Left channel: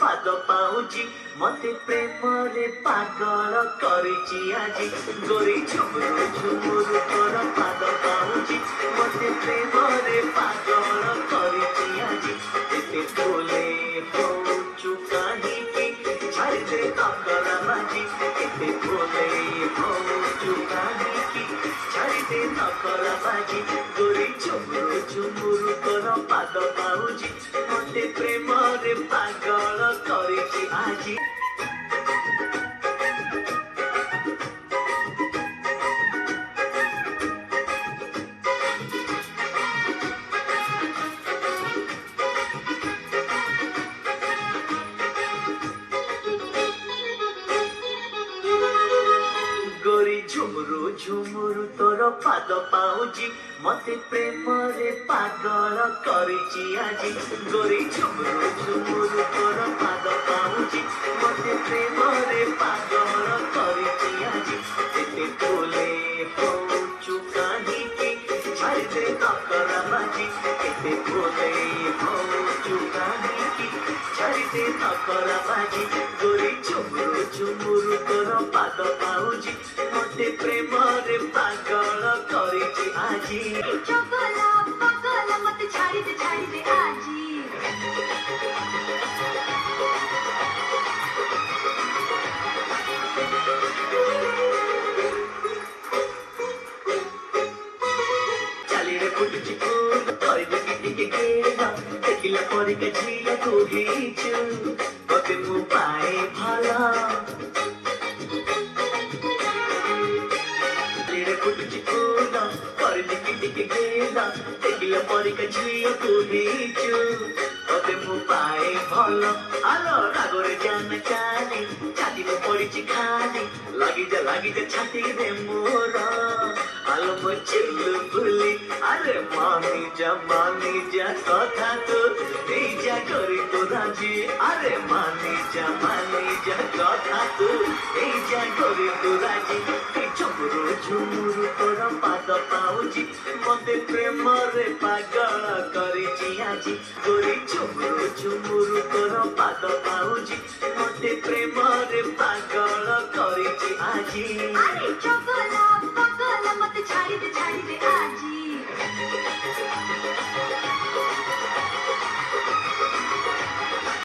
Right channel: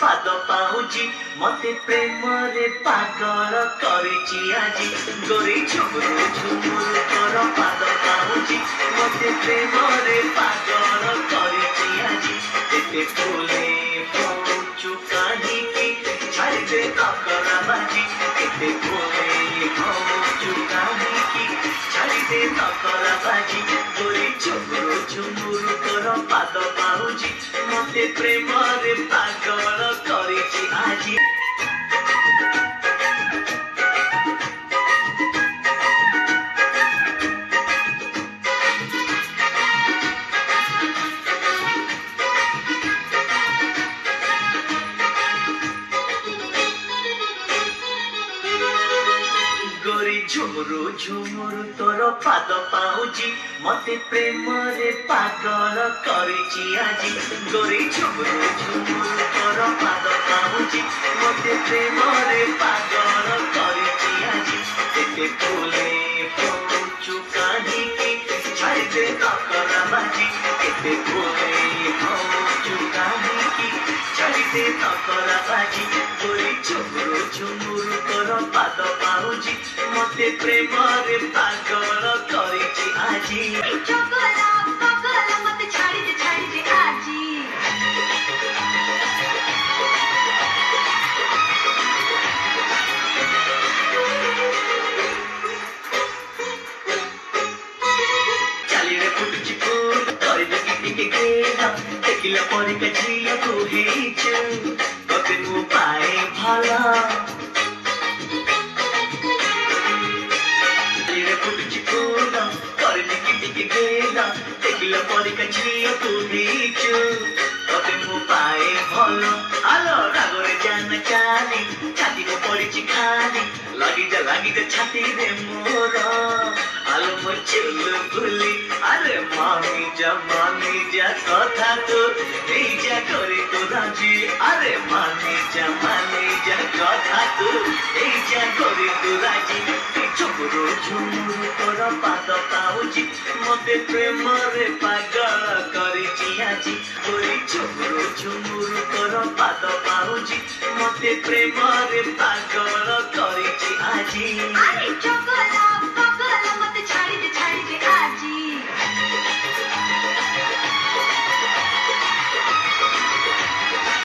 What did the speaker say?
ପାଦ ପାଉଚି ମତେ ପ୍ରେମରେ ପାଗଳ କରିଛି ଆଜି ଗୋରି ଝୁମୁରୁ ଝୁମୁରୁ ତୋର ପାଦ ପାଉଚି ମତେ ପ୍ରେମରେ ପାଗଳ କରିଛି ଆଜି ଏତେ ଫୁଲେ ହଉଚୁ କାହିଁକି ଛାଡ଼ିଦେ ନକରା ବାଜି ଏତେ ଫୁଲେ ହଉଚୁ କାହିଁକି ଛାଡ଼ିଦେ ନକରା ବାଜି ଗୋରି ଝୁମୁରୁ ଝୁମୁରୁ ତୋର ପାଦ ପାଉଚି ମତେ ପ୍ରେମରେ ପାଗଳ କରିଛି ଆଜି गोरी झुमुरु झुमुरु तोर पाद पाउची मते प्रेमरे पागल करिची आजी गोरी झुमुरु झुमुरु तोर पाद पाउची मते प्रेमरे पागल करिची आजी एते फुले होचु काहीकी छाड़ी दे नकरा बाजी एते फुले होचु काहीकी छाड़ी दे नकरा बाजी गोरी झुमुरु झुमुरु तोर पाद पाउची मते प्रेमरे पागल करिची आजी चोकला पगला मत छाड़ी दे आजी चाली रे फुटची फूट करबे किटी के गेला देखिला परिका झिया तू हेच बके तू पाए भला फुटची फूट करबे किटी के गेला देखिला परिका झिया तू हेच बके तू पाए भला आलो रागरे जान चाली छाती को पड़िची खाली लगी जा छाती रे मोर आलो मचुल बुली अरे मामी जा कथा तो এই যা করে তো রাজি আরে মানি যা কথা তো এই যা করে তো রাজি ঝুমুরু ঝুমুরু তোর পাদ পাউছি মতে প্রেমরে পাগল করিছি আজি গোরি ঝুমুরু ঝুমুরু তোর পাদ পাউছি মতে প্রেমরে পাগল করিছি আজি আরে চোকলা